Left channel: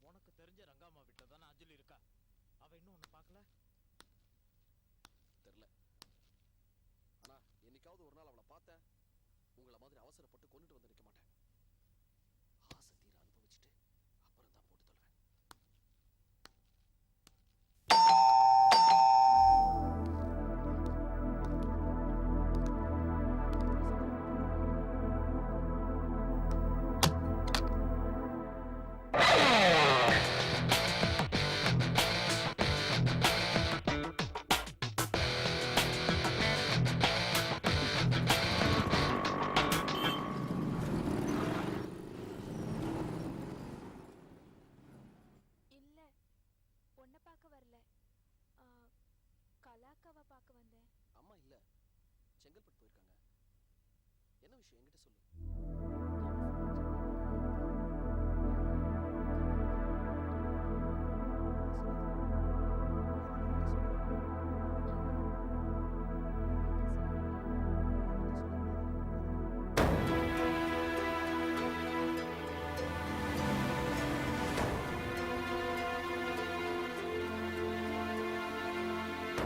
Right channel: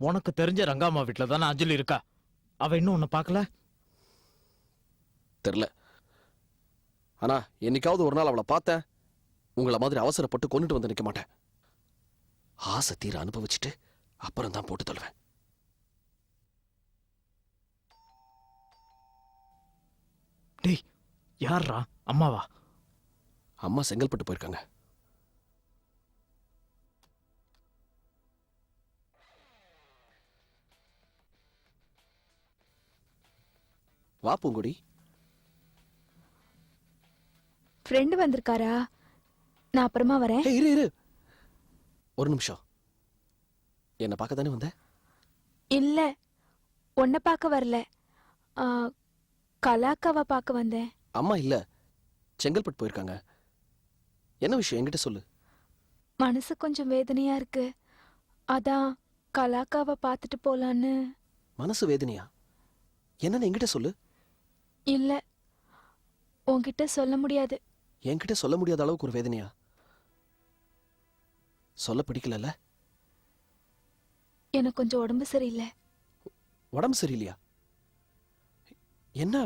உனக்கு தெரிஞ்ச ரங்காமா வீட்டுல தானே அஞ்சலி இருக்கா. அவ இன்னும் உன்னை பார்க்கல? தெரியல. ஆனா என்னைக்காவது ஒரு நாள் அவளை பார்த்தேன். உங்களை மாதிரி அவசரப்பட்டு கொண்டுட்டு வந்து நிக்க மாட்டேன். ஆசை தீர அனுபவிச்சுட்டு அப்புறம் தான் போட்டு தள்ளுவேன். டேய், யாரா? அம்மாவா? அம்மா செங்கல்பட்டு போயிருக்காங்க. வா பூங்குடி. ஃப்ரெண்டு வந்திருக்காரா? நான் அப்புறமா வரேன். இரு இரு ஒரு நிமிஷம். என்ன பார்க்க தானே வந்த? இல்ல, உன்னை பார்க்க வரல. கலாக்காவை பார்க்க வந்தேன். அம்மா இல்ல, செங்கல்பட்டு போயிருக்காங்க. என்ன விஷயம் என்கிட்ட சொல்லு. மனசு கொஞ்சம் வேதனையா இருக்கு, அதான் கலாக்காவை பார்த்துட்டு போலான்னு. மனசு வேதனையா? என்னன்னு என்கிட்ட சொல்லு. இல்ல, உன்கிட்ட சொல்ல முடியாது. என்கிட்ட சொல்ல முடியாத அளவுக்கு ஒரு வேதனையா? சொல்ல பிடிக்கல. எனக்கு கொஞ்சம் உடம்பு சரியில்லை. உடம்பு சரியில்லையா? என்ன?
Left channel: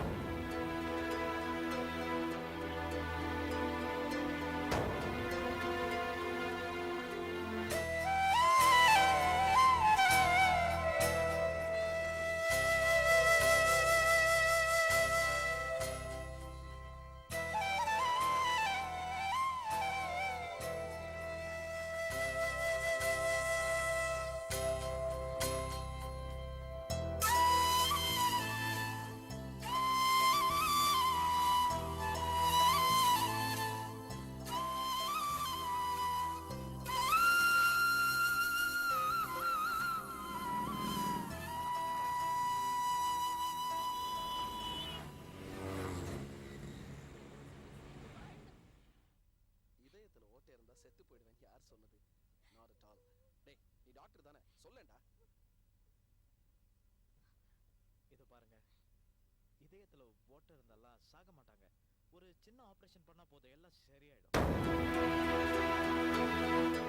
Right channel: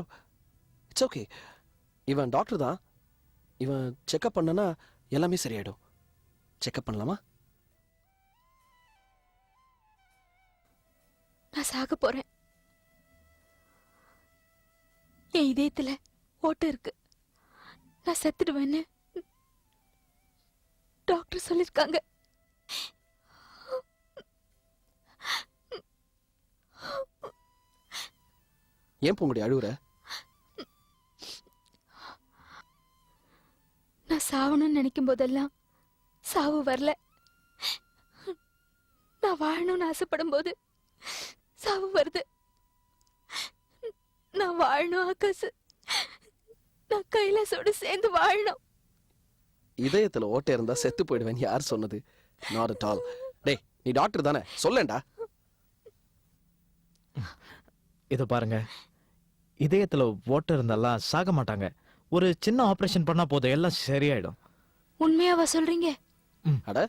It's okay. இவன் டாக்டர் தான். இவன் செக்அப் பண்ணனா எல்லாமே சரியாயிடும். செக்அப் பண்ணலாமா? நான் சாக போறேன். என் இதயத்துல போட்டு இருக்கு. நான் செத்துடுவேன்னு டாக்டர் சொல்லிருக்காங்க. ஏன் பூங்குடி அழுவுற? நான் சாவணும்னு நினைக்கும் போதெல்லாம் சாவு வரல. நான் வாழணும்னு ஆசைப்படும் போது சாவு வருது. நான் வாழணும் ஆகாசு. நான் கைலாசோட சேர்ந்து வாழணும். இதயத்துல ஓட்டை இருந்தா செத்து போயிடுவேன் யார் சொன்னது? Not at all. டேய், நீ டாக்டர் தானே, சொல்லேன்டா. இத பாருங்க, இதயத்துல ஓட்டை இருந்தாலாம் சாக மாட்டாங்க. ஒரு சின்ன ஆபரேஷன் பண்ணா போதும், எல்லாம் சரியாயிடும். உண்மையாவா சொல்றீங்க? அட,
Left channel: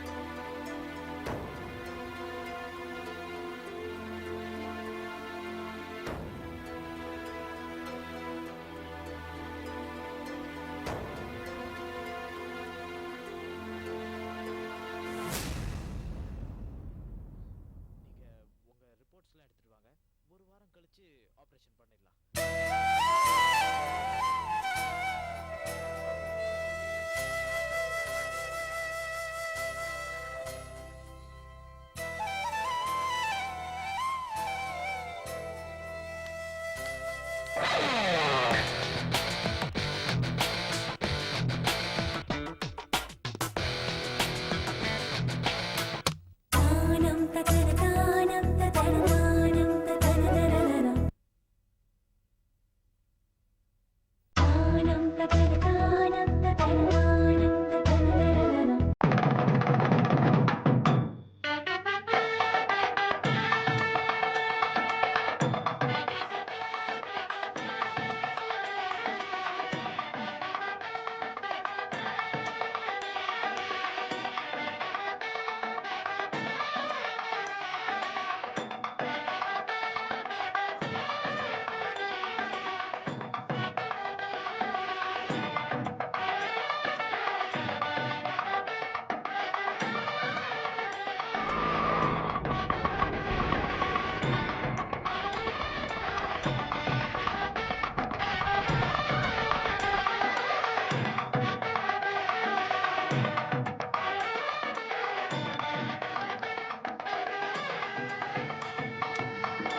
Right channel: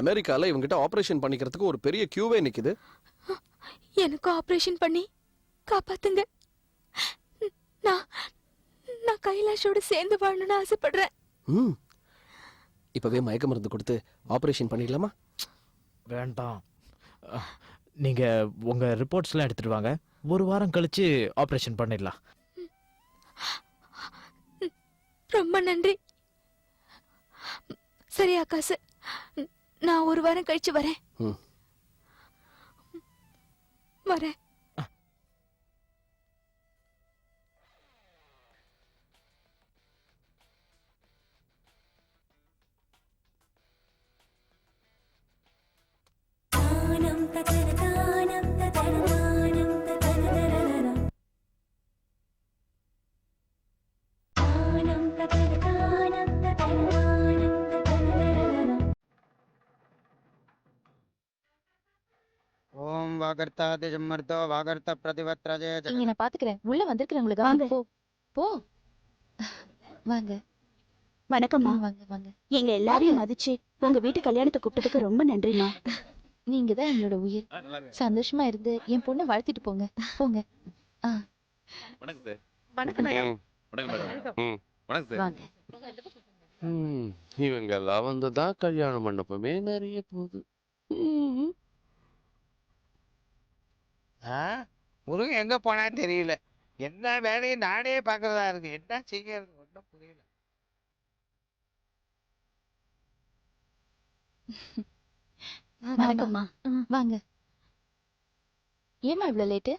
அமெரிக்கால இவங்கிட்ட ஆபரேஷன் பண்ணிக்கிறதுக்கு ஒரு பெரிய கியூவே நிக்குது. எனக்கு ஆபரேஷன் பண்ணி காப்பாத்துங்க. நான் நான் கைலாஷோட சேர்ந்து வாழணும்னு ஆசைப்படுறேன். இப்பவே மயக்க மருந்து கொடுத்து ஆபரேஷன் பண்ணிக்கலாமா? வேண்டாம். நீங்க உங்க ரிப்போர்ட்ஸ்லாம் எடுத்துட்டு வாங்க. ஒரு வாரம் கழிச்சு ஆபரேஷன் பண்ணிடலாம். ரொம்ப நன்றி. சரி ஆகாசு, நான் ஒரு வாரம் கழிச்சு வரேன். வரேன். நான் பாத்துக்கிறேன். உள்ள வந்துருக்கீங்களா? வாங்க. வணக்கம். எங்க எல்லாரையும் மதிச்சு உங்க வீட்டு கல்யாணத்துக்கு கூப்பிட்டதுக்கு ரொம்ப நன்றிமா. நீங்க தான் என்னோட உயிர். சந்தோஷமா இருக்கு. என் பொண்ணு வாழ்த்திட்டு போங்க. போங்க. இவங்கெல்லாம் வந்துதான் கல்யாணம் பண்ண பொண்ணு. எங்க போனா தெரியல. எல்லா வேலையும் நானே பார்க்கறதா இருக்கு. வணக்கம்மா. வாங்க. ஏமா இவ்வளோ லேட்டு?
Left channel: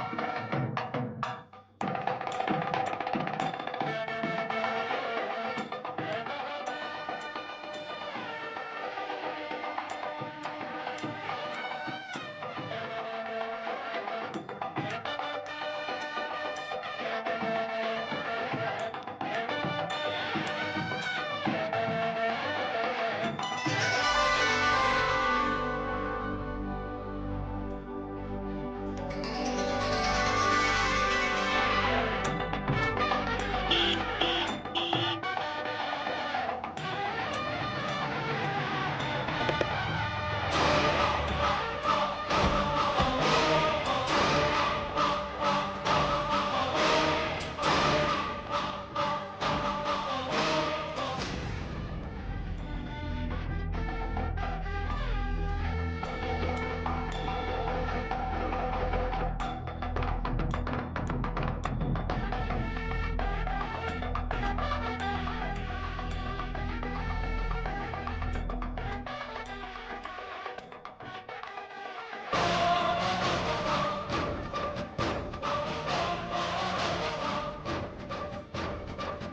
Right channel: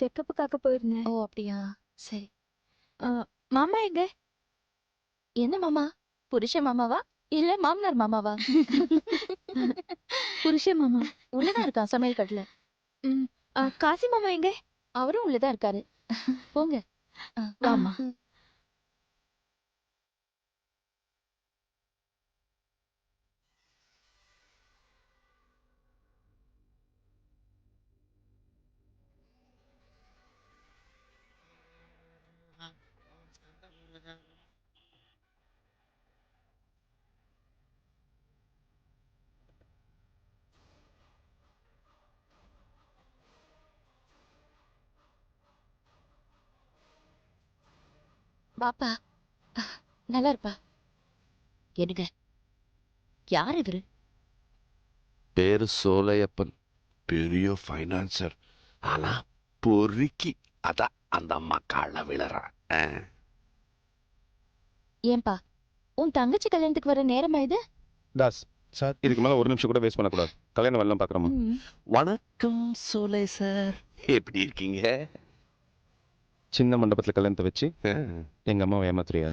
செக்கப் பார்க்க போயிருந்தேன். ஓ அப்படியா, சரி. மாமா எங்க? என்ன மாமா? புருஷ மாமாவா இல்ல மாமனார் மாமாவா? புருஷ மாமா உள்ளதான் இருக்கான் சமையல் கட்டில. காசி மாமா எங்க? அவரும் உள்ளதான் இருக்காரு. போங்க. ஆமா. நல்லா இருக்கு. என்னங்க, யார் இவரு? பேரு சோலையப்பன், பெரிய ஃபைனான்சர். ஆனா பொறுக்கி அதான் அந்த அம்மா கால விழறான். ஏன்பா, உன் தங்கச்சி கல்யாணத்துக்கு வர நேரமா இது? தாஸ் சார், இதுக்கு மேலே ஒரு நிமிஷம் கூட வேஸ்ட் பண்ணக்கூடாது. கல்யாணம் வரலாம் பார்க்குறோமா? வணக்கம் சோலை சார். எப்படி இருக்கீங்க? சின்ன மண்டபத்தில் கல்யாணத்தை வச்சு எங்கள் அம்மாவை ஏமாத்துறியா?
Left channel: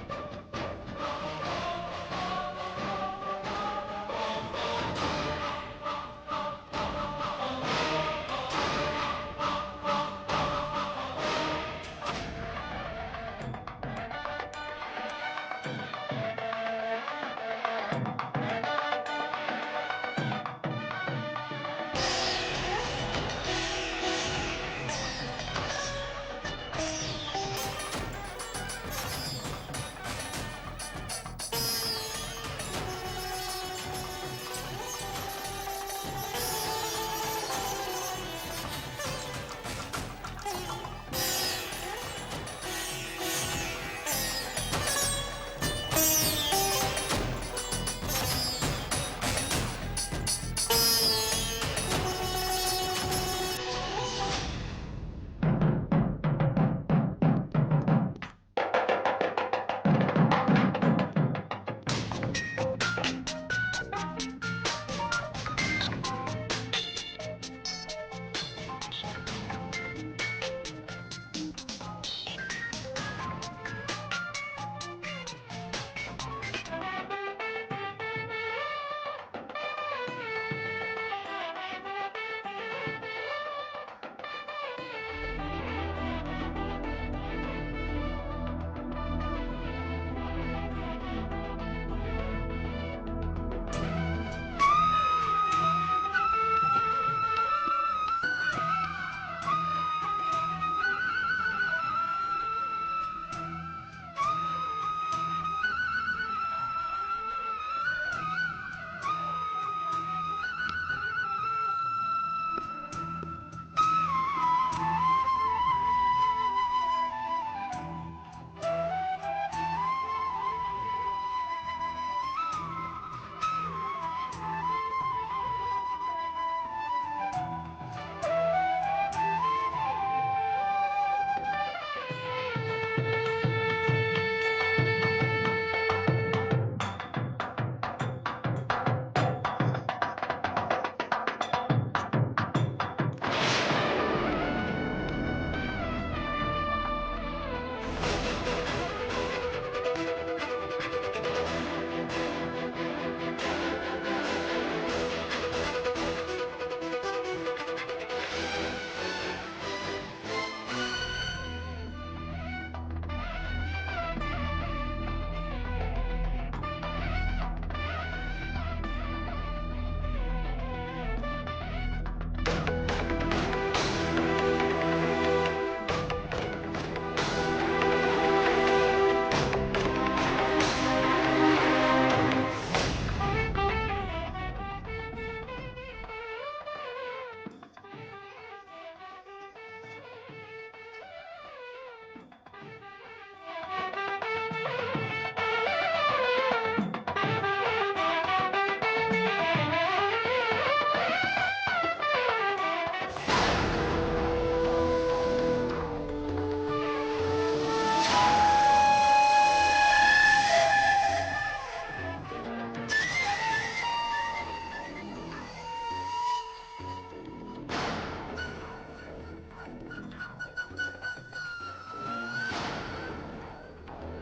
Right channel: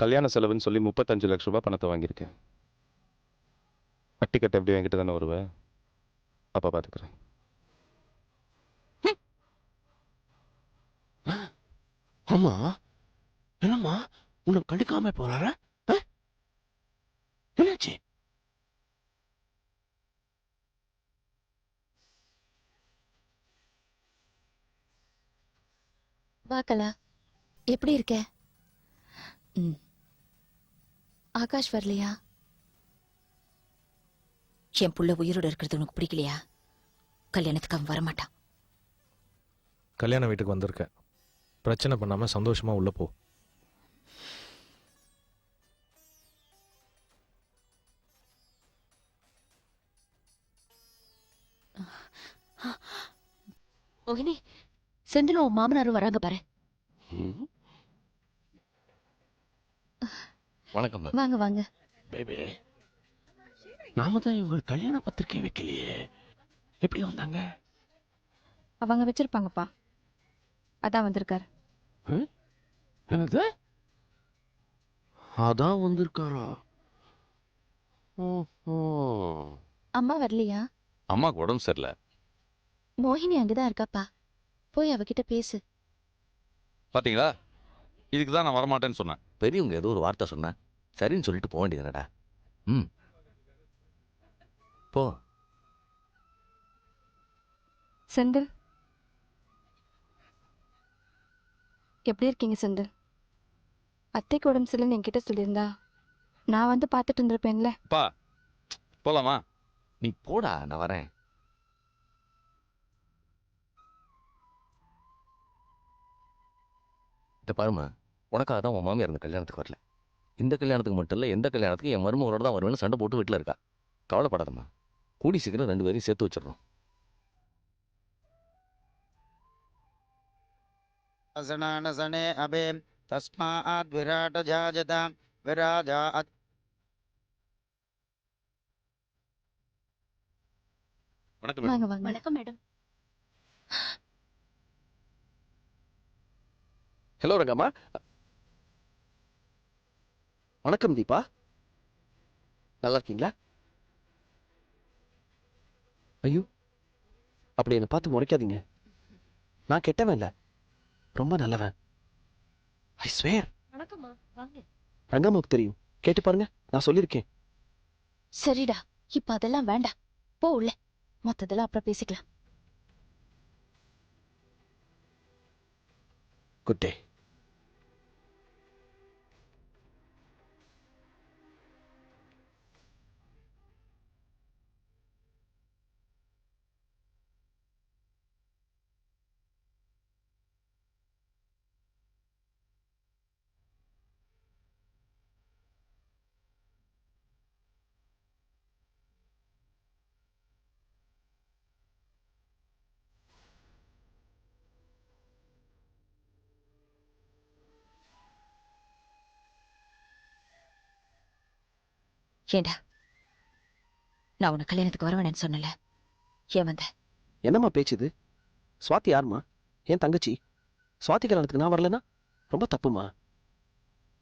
கல்யாண செலவுன்னு சொல்லி 35 லட்ச ரூபாய் பணத்தை வாங்கியிருக்கேன். கட்டி கட்ட எப்படி என்கிட்ட தானே வருவேன். அப்போ பார்த்து ஆமா, என்னம்மா உன்னை கண்டுக்காம போனாரா? என்னாச்சு? பார்க்கலாம். எப்படி இருக்க? ஆகாஷ் வரலையா? என் புள்ள உயிரோட இருக்கிறது உனக்கு பிடிக்கலையா? கல்யாணத்துக்கு அவன் வரமாட்டான். கல்யாண வீட்டுக்கு வந்திருக்கேன். பிரச்சனை பண்ணாம சந்தோஷமா உள்ள போ. செந்திலும் உன் மாமனாரும் வராங்க பாரு. வாங்க வாங்க. நாம தான் இவங்க கல்யாண பத்திரிக்கை வைக்கலையே. எப்படி வந்தாங்க? அவங்க வச்சிருப்பாங்கப்பா, அதான் வந்திருக்காரு. என்னது? அதான் வந்திருக்கான். அம்மா வரலையா? அம்மாவுக்கு உடம்பு சரியில்லை. மோகினி அங்கதான் இருக்காப்பா, போய் அவகிட்ட பேசு. பாத்தீங்களா, இதுக்கு தான் நான் வரமாட்டேன்னு சொன்னேன். பெரியவங்க ஏதோ ஒரு வார்த்தை சொன்னேன், சரின்னு சொல்லிட்டு போக வேண்டியதுடா. போ. செந்தில், எப்படி இருக்கீங்க செந்தில்? அத்தைக்கு உடம்பு சரியில்லைன்னு என்கிட்ட சொல்லியிருந்தா நான் வந்து பார்த்துட்டு இருந்திருப்பேன்ல. பா, போலாமா? நீ போடா, நான் வரேன். இந்த பாருமா, உனக்காக தான் உன் மாமியார் இந்த கல்யாணத்துக்கு வரல. இந்த கல்யாணத்துக்கு மட்டும் இல்லை, எந்த கல்யாணத்துக்கு என் மருமகளோட தான் வருவேன்னு சண்டை போட்டு வீட்டில் இருக்கா. கவலைப்படாதம்மா, கூடி சீக்கிரம் 2 பேரையும் சேர்த்து வச்சிடணும். சனே அபே தஸ்மாத் விராட ஜாஜதா விராஜாத். வாங்க வாங்க. வணக்கம். ஹலோ ரகமா. வணக்கம் தீபா. நல்லா இருக்கீங்களா? ஐயோ, அப்படி என்னை பார்த்து முறைக்காதீங்க. நான் கெட்டவன் இல்லை, ரொம்ப நல்லவன். I swear. ரங்கம்மாவுக்கு தெரியும், கேட்டு பாருங்க, நான் சொல்லியிருக்கேன். சரிடா, இப்ப அதெல்லாம் வேண்டாம். போ உள்ள, மத்ததெல்லாம் அப்புறம் பேசிக்கலாம். Good day. ஏண்டா, நான் உனக்கு கல்யாணத்துக்கு வரவேன்னு சொன்னல, ஏன் வந்த? என்னம்மா பேச்சுது? சுவாதி யாருமா? என் தங்கச்சி. சுவாதி கல்யாணத்துக்கு நான் வரலன்னா ரொம்ப தப்புமா.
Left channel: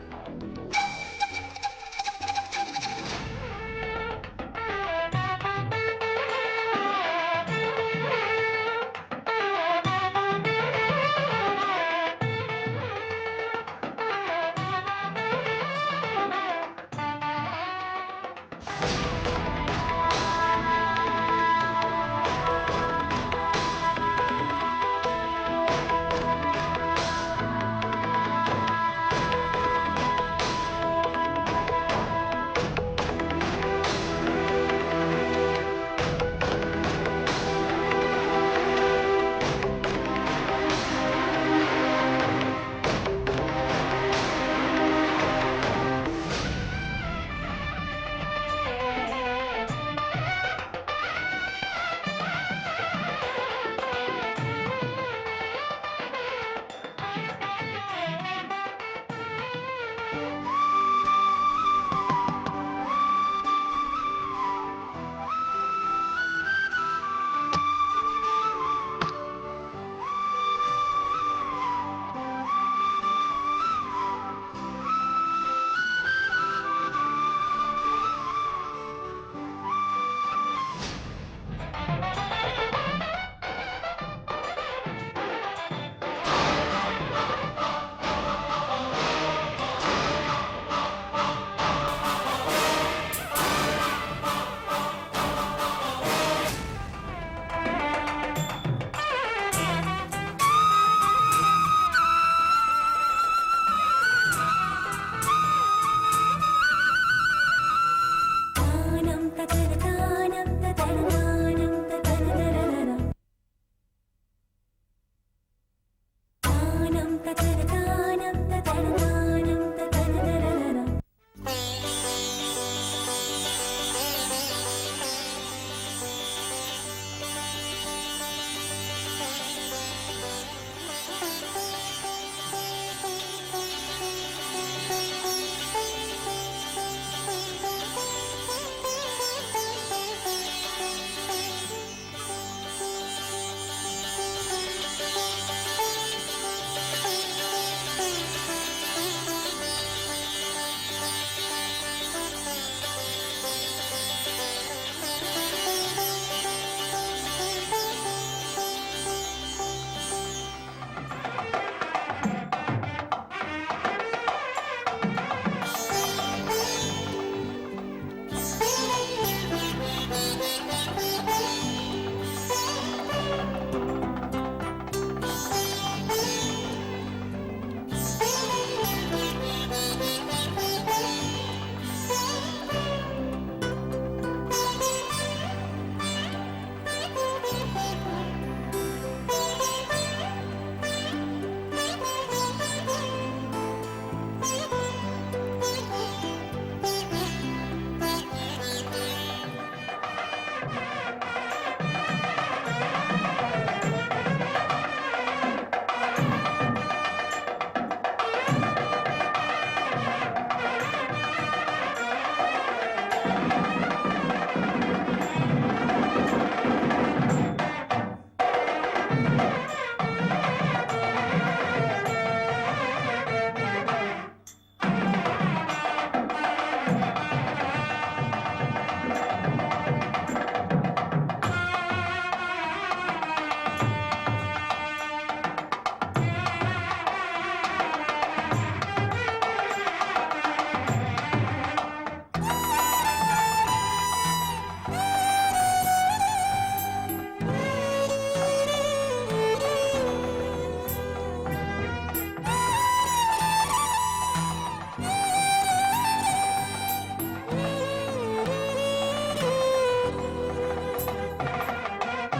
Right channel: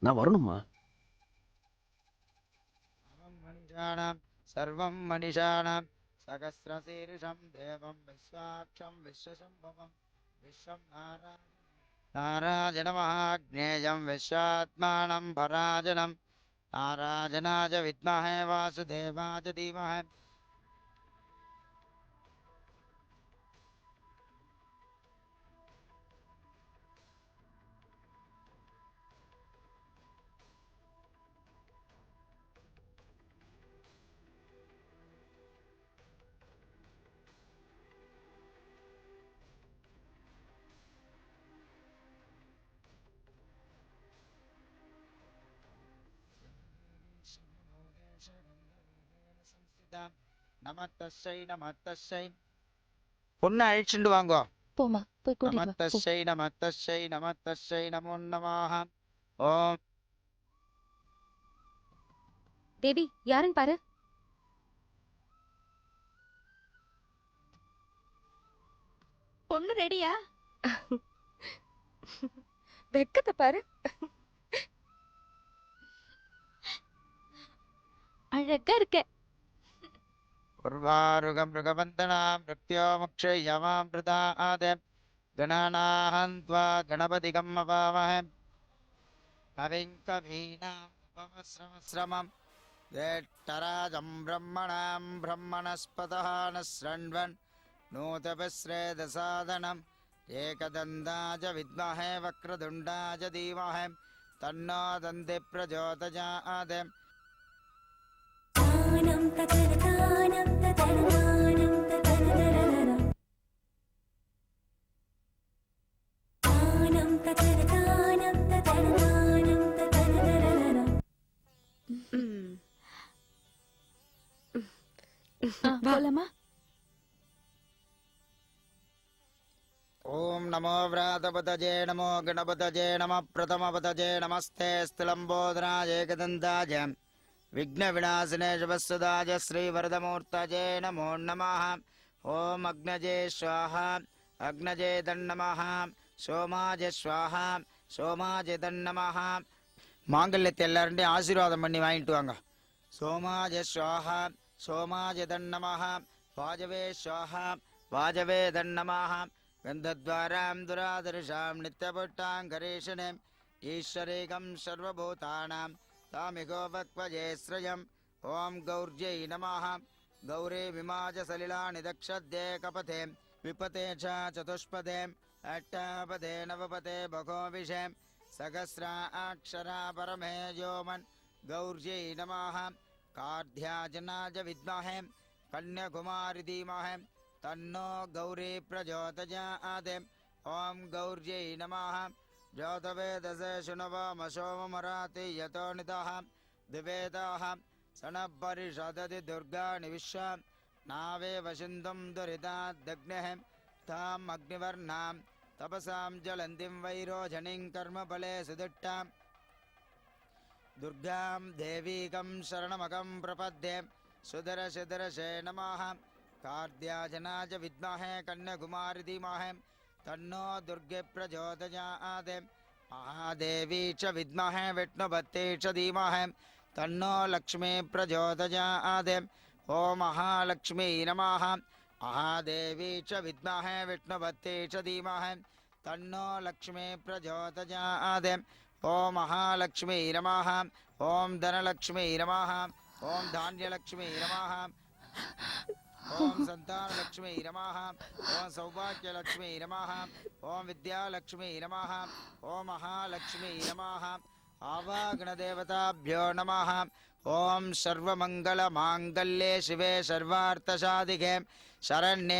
நான் வரணுமா? சர்வம் மனிஷானாம் ஆராஜனமாக்ஞேயம் விஸ்வாத்மானம் வராஜனம் ஆராஜனாஜ வித்மஹே வாசுதேவாய பொண்ணை அழிச்சுட்டு வாங்கோ. போமா போய் கூட்டிட்டு வா. போ. தஸ்யை நம தஸ்யை நம தஸ்யை நமோ நமः. ஓம் தேவி யாருன்னு பாரு. பொண்ணு ரெடியா? வெட்கத்தை பாரு. அழகா இருக்க. பிரதாருக மிருகவந்தனா பிரத்யோ முக்ஷயமாம் பிரதாத கணநாஹ கணபதிகம் மகாமஹே. ஓம் நமோ விராதபதஜே நமோ கணபதஜே நம பிரதமபதஜே நமஸ்தே சிலம்போதராஜ ஜதந்தாஜ விக்ன விநாசனே சிவஸ்துதாஜ ஸ்ரீ வரதமோத்சஜே நமோ நமः. ஓம் அக்னஜே ஸ்வாஹா அக்னஜே தன்னமः. சோமாஜ ஸ்வாஹா சோமாஜ தன்னமः. மாங்கல்யத்தை எல்லாருடையும் ஆசீர்வாதம் பண்ணி வாங்கிட்டு வாங்க. சோமாஜ ஸ்வாஹா சோமாஜ தன்னமः. வாஜவே தன்னமः. சந்தத்வாராம் துராதருஷாம் நித்தபக்தாம் கரேஷணே ஈஸ்வரேகம் சர்வபூதானாம் பரமேஸ்வரம். शरण्ये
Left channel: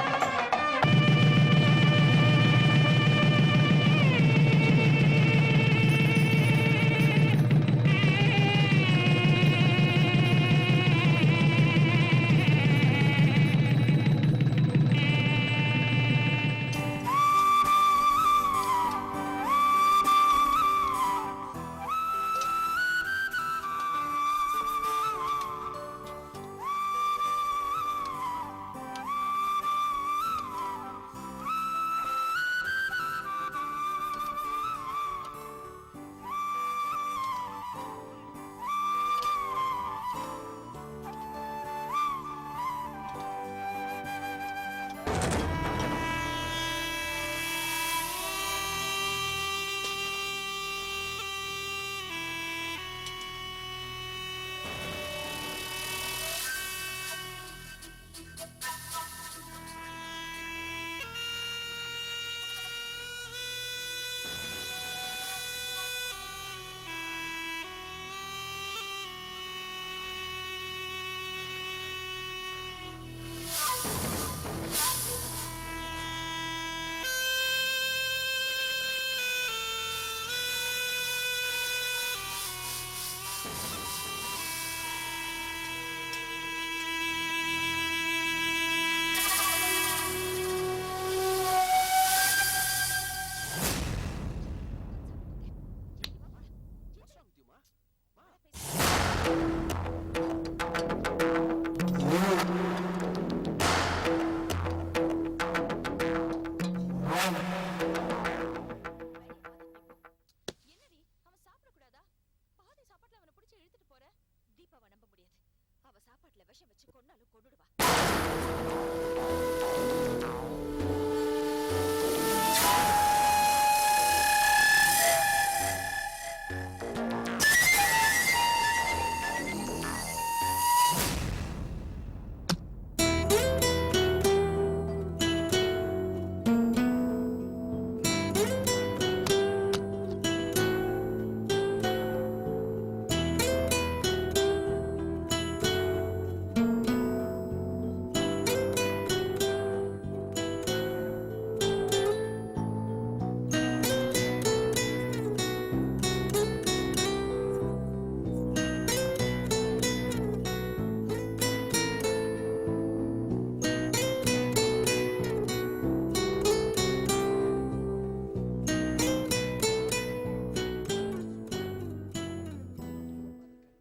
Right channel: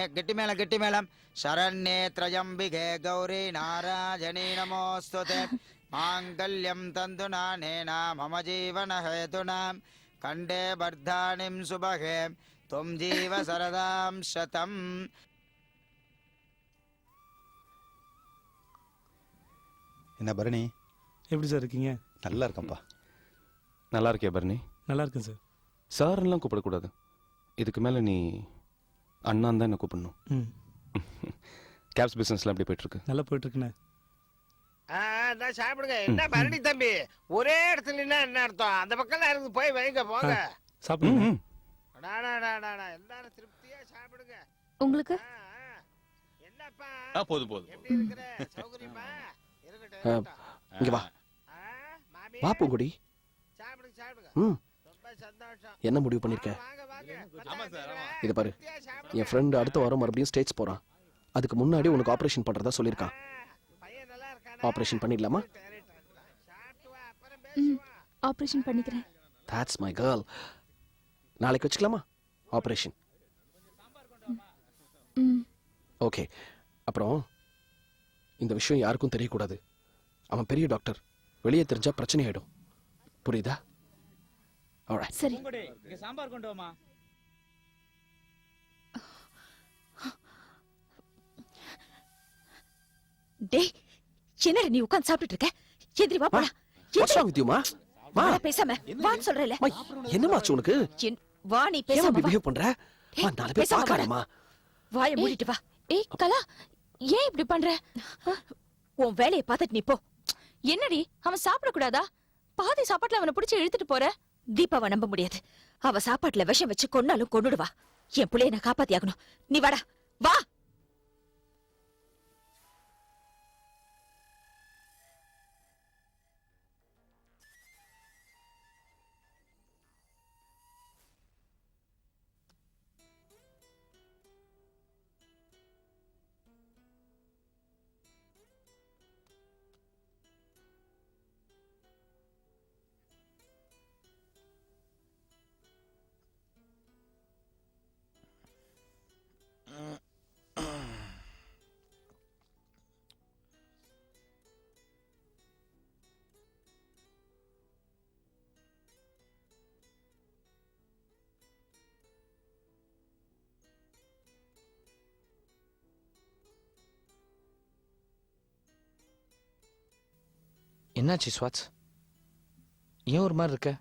गिट्टिमेल शरण्ये त्रयम्बिके गौरी नारायणी नमोऽस्तुते माङ्गल्यं तन्तुनानेन मम जीवनहेतुना कण्ठे बद्धानिं शुभगे त्वं जीव सरदां शतम्. என்ன பரணி, எப்படி சார் இருக்கீங்க? நல்லா இருக்கேன்ப்பா. நல்லா இருக்கே பரணி? நல்லா இருக்கேன் சார். சார்லாம் கூப்பிடக்கூடாது. இதுக்கு மேலே நீ அண்ணான் தான் என்ன கூப்பிடணும். கேப்ஸ் பிஸ்னஸ்லாம் எப்படி போயிட்டுருக்கு? நல்லா போயிட்டுருக்குண்ணா. சாப்பிடுங்க. என்ன பரணி தம்பி, ஒரே இடத்துல என்ன அர்த்தம்? அந்த பக்கம் இருந்து போய் வைங்க போங்க. சாப்பிடுங்க. உங்களுக்கு போதும் போதும். இங்கே வா வா பூங்குடி. என்ன முடிவு பண்ணிருக்க? இதை பாரு, என் ஃப்ரெண்டு அடுத்த வாரம் மறுபடியும் ஸ்டேட்ஸ் போகிறான். அதுக்கு முன்னாடி உனக்கு ஆப்ரேஷன் பண்ணுறதா சொல்லியிருக்கான். ஆப்ரேஷன் பண்ணிடலாமா? ஆப்ரேஷன் பண்ணிக்கிறேன். That's my girl. நாளைக்கு வச்சுக்கலாமா ஆப்ரேஷன்? ஓகே. அப்புறம் இந்த விஷயம் யாருக்கும் தெரியக்கூடாது. அவன் பெரிய டாக்டர், வெளியே தெரிஞ்சா பிரச்சனை ஆயிடும். புரியுதா? சரி. டேய் என்னடி நீ உட்கார்ந்து சாப்பிட்டுட்டு இருக்க? எதிரி வா போடா. வாட்ஸ் ராங் வித் யூ மா? மா வா பேசாம வான்னு சொல்றல. மா என்னமாச்சு உனக்கு? வா நீ ஏன் பேசாம பிஹேவ் பண்ற? மா நாலு பேர் பாக்கறமா. வாயை மூடிட்டு வா. ஏய் கலா ஏன் இப்படி பண்ற? உன் வேலையை பார்த்துட்டு நீ போ. என்னடி அவன் சாப்பிட கூடாதா? பாதி சாப்பாட்டுல அவனை பிடிச்சி இழுத்துட்டு போற. தீபாவை நம்ப முடியாது. அவ சாப்பாட்டுல விஷம் வச்சு கொன்னாலும் கொன்னுடுவா. என் புள்ளைய நான் காப்பாத்தி ஆகணும். நீ வாடா வா. என்னாச்சு ஸ்வாட்ஸ்? ஏன் ஒரு மாதிரி இருக்க?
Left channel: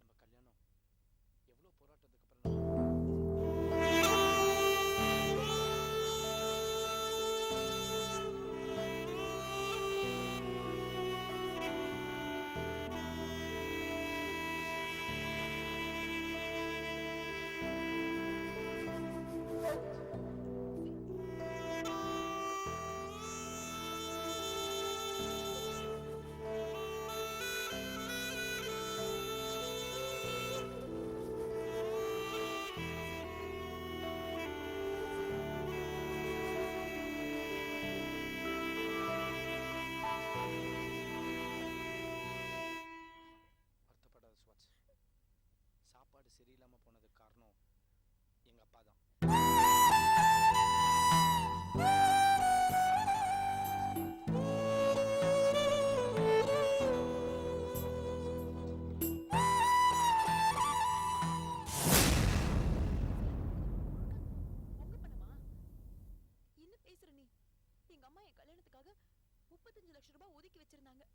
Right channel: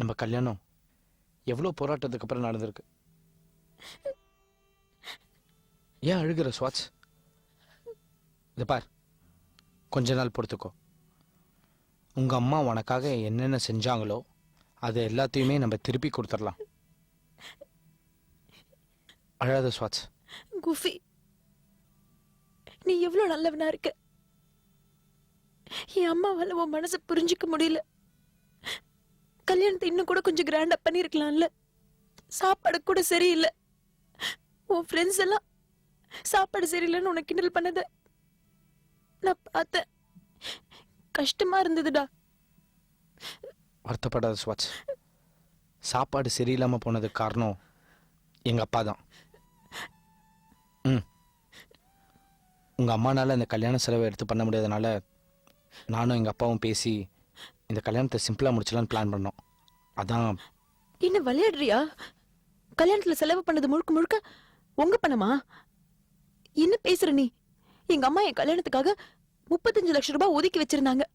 நம்ம கல்யாணம் எவ்வளோ போராட்டத்துக்கு அப்புறம் நடந்திருக்கு. ஏன் அழுகிற ஸ்வாட்ஸ்? இதை பார், கொஞ்ச நாள் பொறுத்துக்கோ. உங்கள் அம்மா உனக்காக என்னென்ன செஞ்சாங்களோ அது எல்லாத்தையுமே நம்ம திருப்பி கொடுத்துடலாம். அழாத ஸ்வாட்ஸ். குஃபி நீ எவ்வளவு நல்லவனா இருக்க. என் அம்மாவால உன் மனசை புரிஞ்சுக்க முடியல. கல்யாணத்தை இன்னும் கூட கொஞ்சம் கிராண்டா பண்ணிருக்கலாம்ல. சாப்பாடு கூட சரியில்லை. உன் ஃப்ரெண்ட்ஸ் எல்லாம் சாப்பாடு சரியில்லைன்னு உனக்கு கிண்டல் பண்ணத நான் பார்த்தேன். கஷ்டமா இருந்ததுடா. வருத்தப்படாத ஸ்வாட்ஸ். சாப்பாடு சரியில்லாமல் போனதுக்கு காரணம் எங்கள் அப்பா தான். உங்கள் அம்மானால இந்த கல்யாண செலவை எடுத்து பண்ண முடியாதனால நானும் எங்கள் அப்பாவும் பேசி இந்த கல்யாணத்தை சிம்பிளாக முடிச்சலான்னு பிளான் பண்ணோம். அதான். இன்னும் விளையாடுறியா? கல்யாணத்துல செலவு பண்ணது முழுக்க முழுக்க உங்க பணமா? என்ன பேசுற நீ? எங்க அம்மா என் கல்யாணத்துக்காக 35 லட்சம் ரூபாய் ஒதுக்கி வச்சிருந்தாங்க.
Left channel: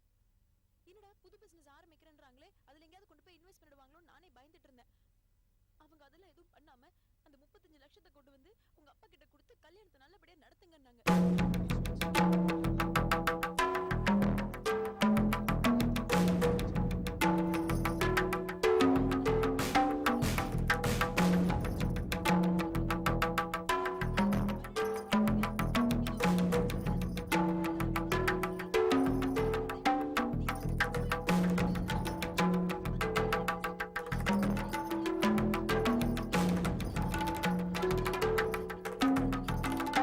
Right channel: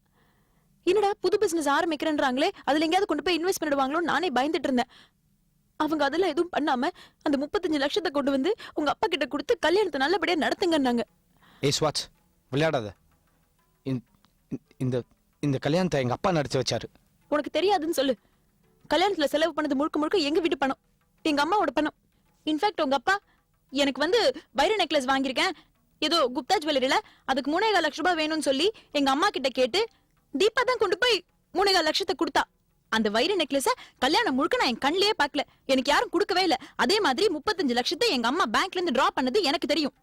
என்னடா புது பிசினஸ் ஆரம்பிக்கிறேன்றாங்களே, அதுல எங்கேயாவது கொண்டு போய் இன்வெஸ்ட் பண்ணிடுவாங்களோ நானே பயந்துட்டு இருந்தேன். அவங்க அதெல்லாம் எதுவும் பண்ணாம அந்த 35 லட்சத்தை கொண்டு வந்து உங்க அப்பா கிட்ட கொடுத்து கல்யாணத்தை நல்லபடியா நடத்துங்கன்னாங்க. ஏய் ஸ்வாட்ஸ், விளையாடாத. இந்த இந்த கல்யாணத்தை எங்கள் அப்பா நடத்தி வச்சாரு. உனக்கு தெரியாதுன்னு சொல்லு. கல்யாணத்துல செலவு பண்ணது முழுக்க முழுக்க எங்க வீட்டு பணம், எங்க அம்மாவோட பணம். இன்ஃபேக்ட் உங்க அப்பா எனக்கு வந்து வைர நெக்லஸ் வாங்கியிருக்கேன் ஏதோ குப்தா ஜுவல்லரியில, அதுக்கு 3.25 லட்சம் ரூபாய் வேணும்னு சொல்லி எங்க அம்மா கிட்ட கேட்டு தீபா தான் கொண்டு போய் 3.25 லட்சத்தை கொடுத்தா. அந்த வைர நெக்லஸ கல்யாணம் முழுக்க நான் என் கண்ணிலேயே பார்க்கல. எனக்கு யாரும் கொடுக்கவே இல்லை. அதே மாதிரி 35 லட்சத்தை எங்க அம்மா பேங்க்ல இருந்து டிரா பண்ணது எனக்கு தெரியும்.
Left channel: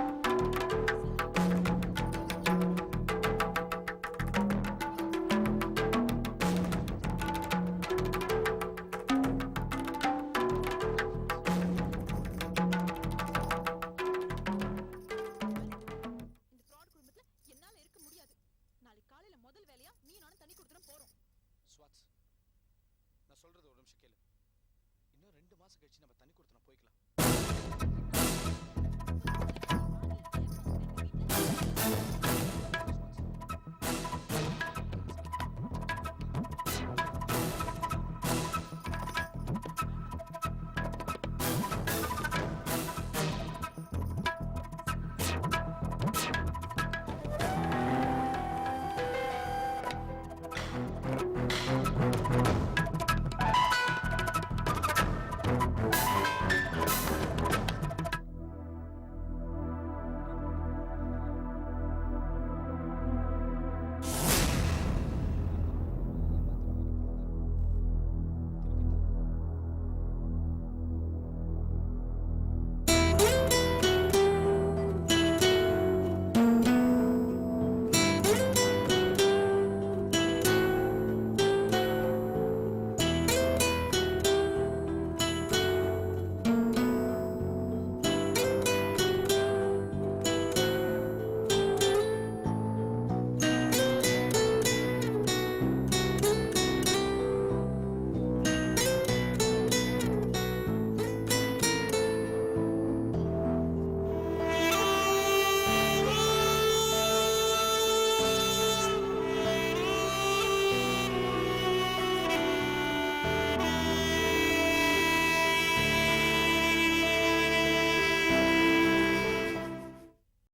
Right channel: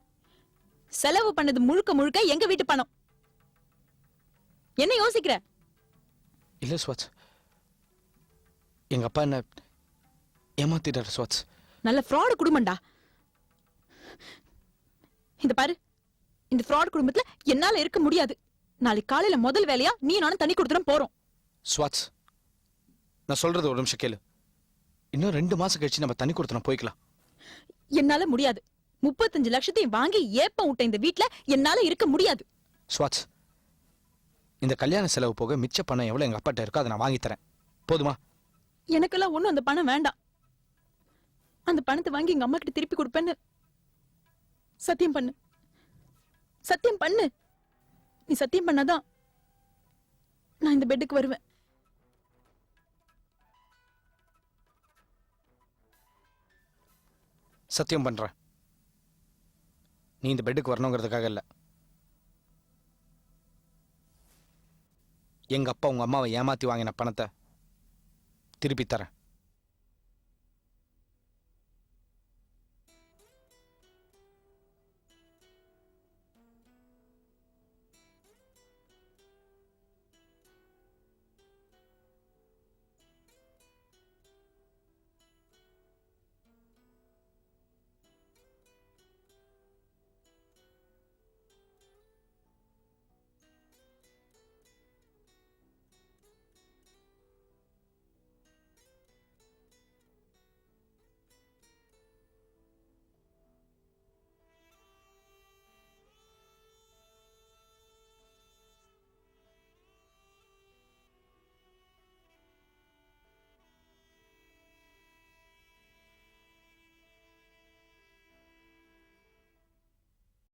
செலவு பண்ணது முழுக்க முழுக்க எங்க வீட்டு பணம். என்ன யோசிக்கிற? இல்லை ஸ்வாட்ஸ், எங்கள் அப்பா என்ன ஏமாத்திட்டாரு ஸ்வாட்ஸ். நல்ல ஃப்ராட் குடும்பம்டா. இந்த பாரு, இந்த ஃப்ராட் குடும்பத்துல என்னால இருக்க முடியாது. நாளைக்கு காலையில முதல் வேலையா நீ நானும் தண்ணி கொடுத்துடும் போறோம். ஸ்வாட்ஸ், நான் சொல்றது ஒரு நிமிஷம் கேளு. இன்னும் 2 மாசம் கழிச்சு நம்ம தண்ணி கொடுத்தோம் போய்க்கலாம். என்னால முடியாது. 35 லட்சத்தையும் வாங்கி ஏப்பம் விட்ட இந்த வீட்ல என்னால இருக்க முடியாது. ஸ்வாட்ஸ், இந்த கல்யாண செலவு போக மிச்ச பணம் எவ்வளவு எங்க அப்பாட்ட இருக்கோ அதை நான் வாங்கி தரேன். போதுமா? எனக்கெல்லாம் ஒண்ணும் அந்த பணம் வேண்டாம். அந்த பணத்தை வாங்கி எங்க அம்மா கிட்ட திருப்பி கொடுப்பேன்னு சத்தியம் பண்ணு. சத்தியம் பண்ணு. நீ சத்தியம் பண்ணாதான் நான் இந்த பெட்டுக்கு வருவேன். சத்தியம் பண்றேன். நீ இந்த பெட்டுக்கு வரணுங்கிறதுக்காக இல்ல. எங்க அப்பா உங்க அம்மாவை ஏமாத்தி வாங்கின பணத்தை திருப்பி தரேன்.